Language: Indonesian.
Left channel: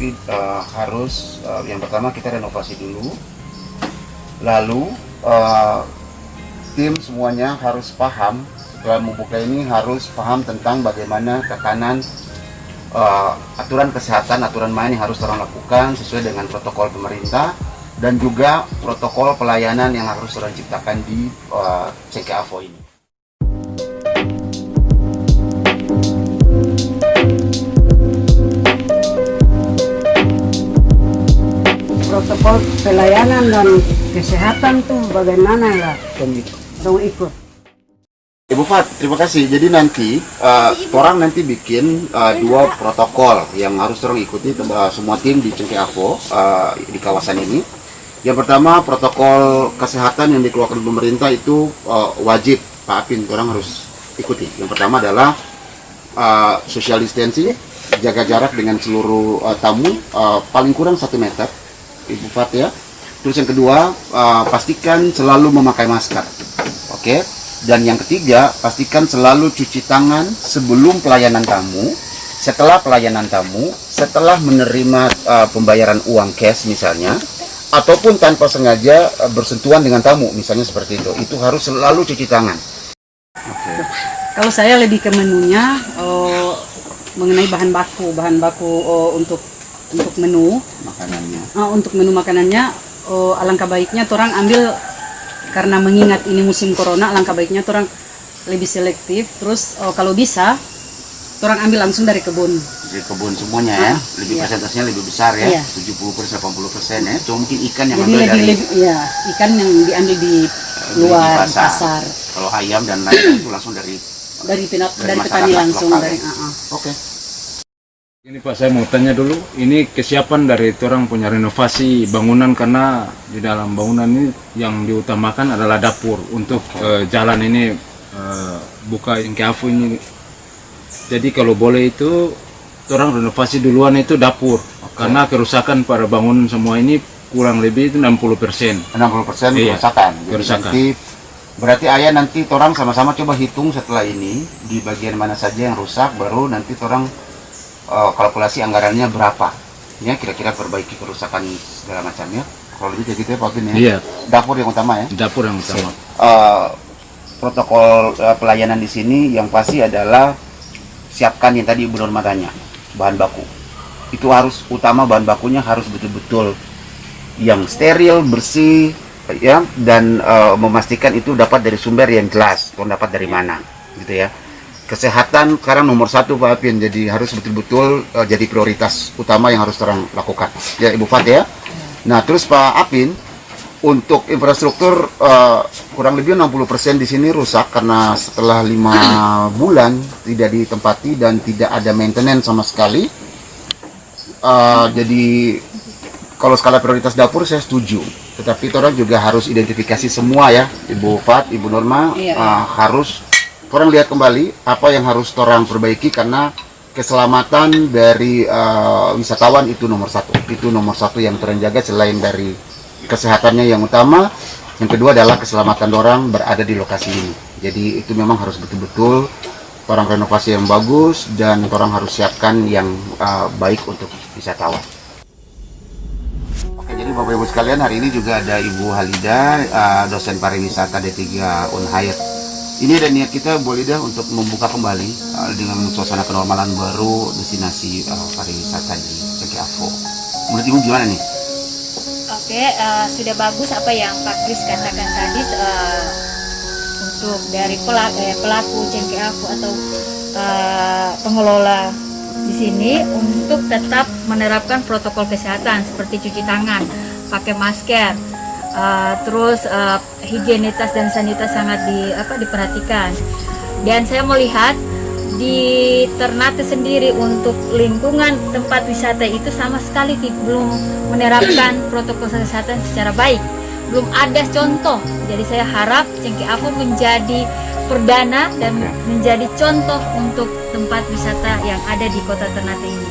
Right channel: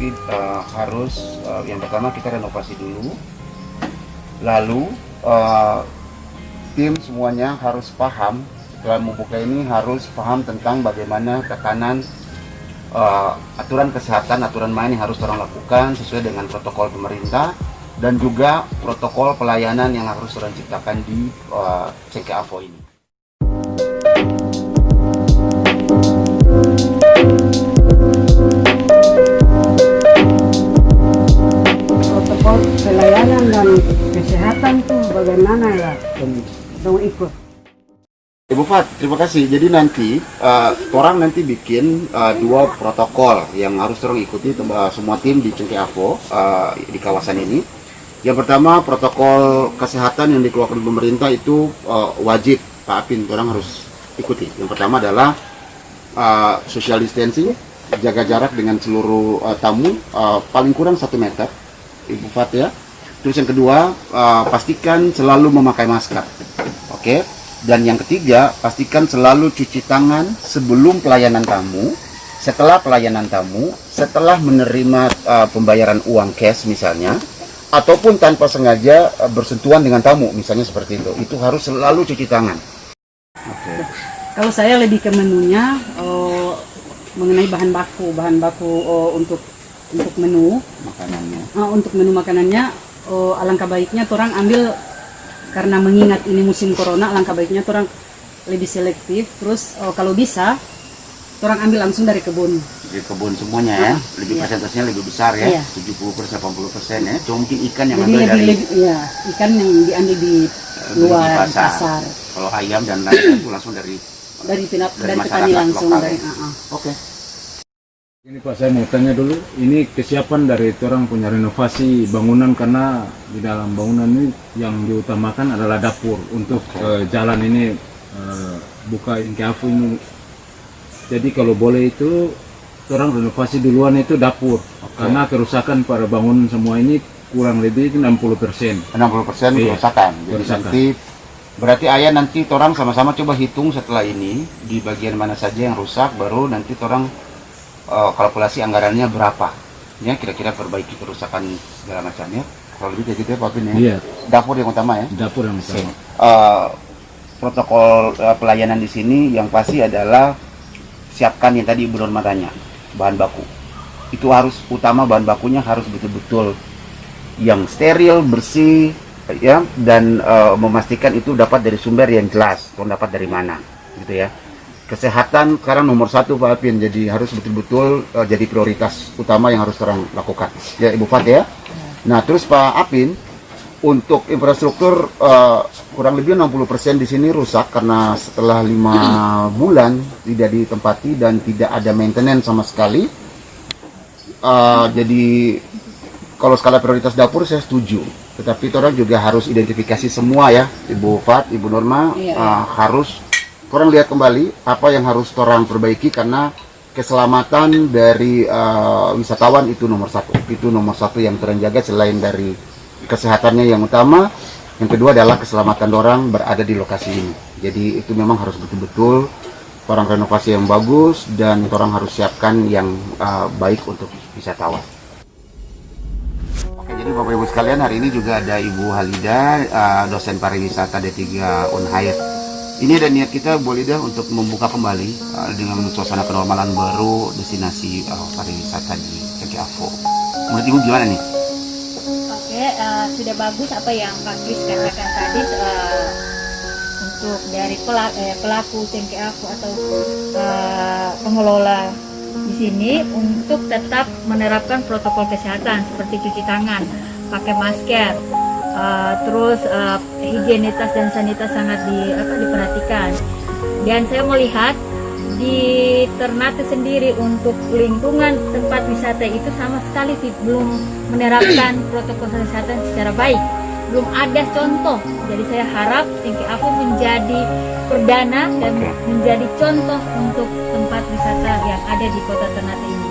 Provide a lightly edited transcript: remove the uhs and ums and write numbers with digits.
tapi harus yang pertama kita renovasi dulu, lalu tim semuanya harus paham setelah membuka ini, harus paham tentang bagaimana tekanan aturan kesehatan, aturan main yang harus orang lakukan sesuai dengan protokol pemerintah dan juga protokol pelayanan yang harus orang ciptakan di Cengkeh Avo ini. Protokol pelayanan dan kesehatan tuh bagaimana ya dong ikut. Ibu Fat, terima kasih. Jadi nanti orang nanti bikin dua protokol yang harus orang ikuti semua tim di Cengkeh Avo di kawasan ini. Yang pertama, protokol kesehatan yang dikeluarkan pemerintah itu wajib Pak Apin, orang harus ikuti. Yang pertama adalah social distancing, jaga jarak dengan seluruh tamu paling kurang 1 meter, Ibu Fat ya. Terus yang kedua, pastikan selalu memakai masker, oke? Dan yang ketiga, pastikan selalu cuci tangan sebelum pelayanan tamu, setelah pelayanan tamu, setelah menerima pembayaran uang cash misalnya, ataupun tanpa sengaja bersentuhan dengan tamu, misalnya seperti itu harus selalu cuci tangan. Oke. Kalau saya lebih ke menunya mengenai bahan baku untuk menu Makanannya. Untuk menu makanannya, alangkah baiknya orang ambil, karena mengingat ini musim corona, alangkah baiknya orang lebih selektif. Terus kalau bisa orang ambil langsung dari kebun. Dari kebun semuanya ya, lebih iya. Persentasenya lebih besar ya, Iya. 70% 80% ya. Cuma mungkin ikan yang Jadi ambil dari ya, ikan yang diambil di luar di pasar. Kalau ayam dan lain-lain itu langsung dari Dari petani masyarakat langsung lokal, dari ya. Oke. Ini Pak, saya mau tanya dulu, ini kesiapan dari orang punya renovasi bangunan, karena di dalam bangunan ini yang diutamakan adalah dapur untuk jalan ini buka Cengkeh Avo ini. Jadi kalau boleh itu orang renovasi duluan itu dapur, karena kerusakan pada bangunan semua ini kurang lebih itu 60%. 60% Iya, kerusakan. Jadi kerusakan. nanti berarti ayah nanti orang sama-sama coba hitung setelah ini di bagian mana saja yang rusak, baru nanti orang kalkulasi anggarannya berapa. Ya kira-kira perbaiki kerusakan segala macamnya. Kalau lebih kayak gitu ya Pak Bin ya. Iya. Dapur yang utama ya. Dapur yang utama. Protokol pelayanan di sini yang pasti adalah siapkan yang tadi Ibu Norma tanya, bahan baku. Itu harus utama, bahan bakunya harus betul-betul yang steril, bersih ya, dan memastikan itu dapat dari sumber yang jelas, atau dapat dari mana gitu ya. Kesehatan sekarang nomor 1 Pak Apin, jadi harus betul-betul jadi prioritas utama yang harus orang lakukan ya Ibu Fat ya. Nah terus Pak Apin, untuk infrastruktur kurang lebih 60% di sini rusak karena setelah 5 bulan tidak ditempati dan tidak ada maintenance sama sekali. Jadi kalau skala prioritas dapur saya setuju, tetapi orang juga harus identifikasi semua ya Ibu Fat, Ibu Norma, harus orang lihat kembali apa yang harus orang perbaiki, karena keselamatan dari wisatawan itu nomor 1. Itu nomor 1 yang terjaga selain dari kesehatannya yang utama. Yang kedua adalah keselamatan orang berada di lokasi ini. Jadi itu memang harus betul-betul orang renovasi yang bagus, dan orang harus siapkan yang baik untuk wisatawan. Oke, jadi Bapak Ibu sekalian, hari ini juga ada Ibu Halida, dosen pariwisata D3 Unhair. Ini ada niat kita boleh dah untuk membuka kembali dengan suasana kenormalan baru destinasi pariwisata di Cengkeh Avo. Menurut Ibu gimana nih? Oke, sudah bagus apa yang Pak Kris katakan tadi, untuk dari pelaku Cengkeh Avo atau pengelola di sini untuk tetap menerapkan protokol kesehatan seperti cuci tangan, pakai masker, terus higienitas dan sanitas sangat diperhatikan. Dan saya melihat di Ternate sendiri untuk lingkungan tempat wisata itu sama sekali belum menerapkan protokol kesehatan secara baik, belum ada contoh. Jadi saya harap Cengkeh Avo menjadi perdana dan menjadi contoh untuk tempat wisata yang ada di Kota Ternate ini.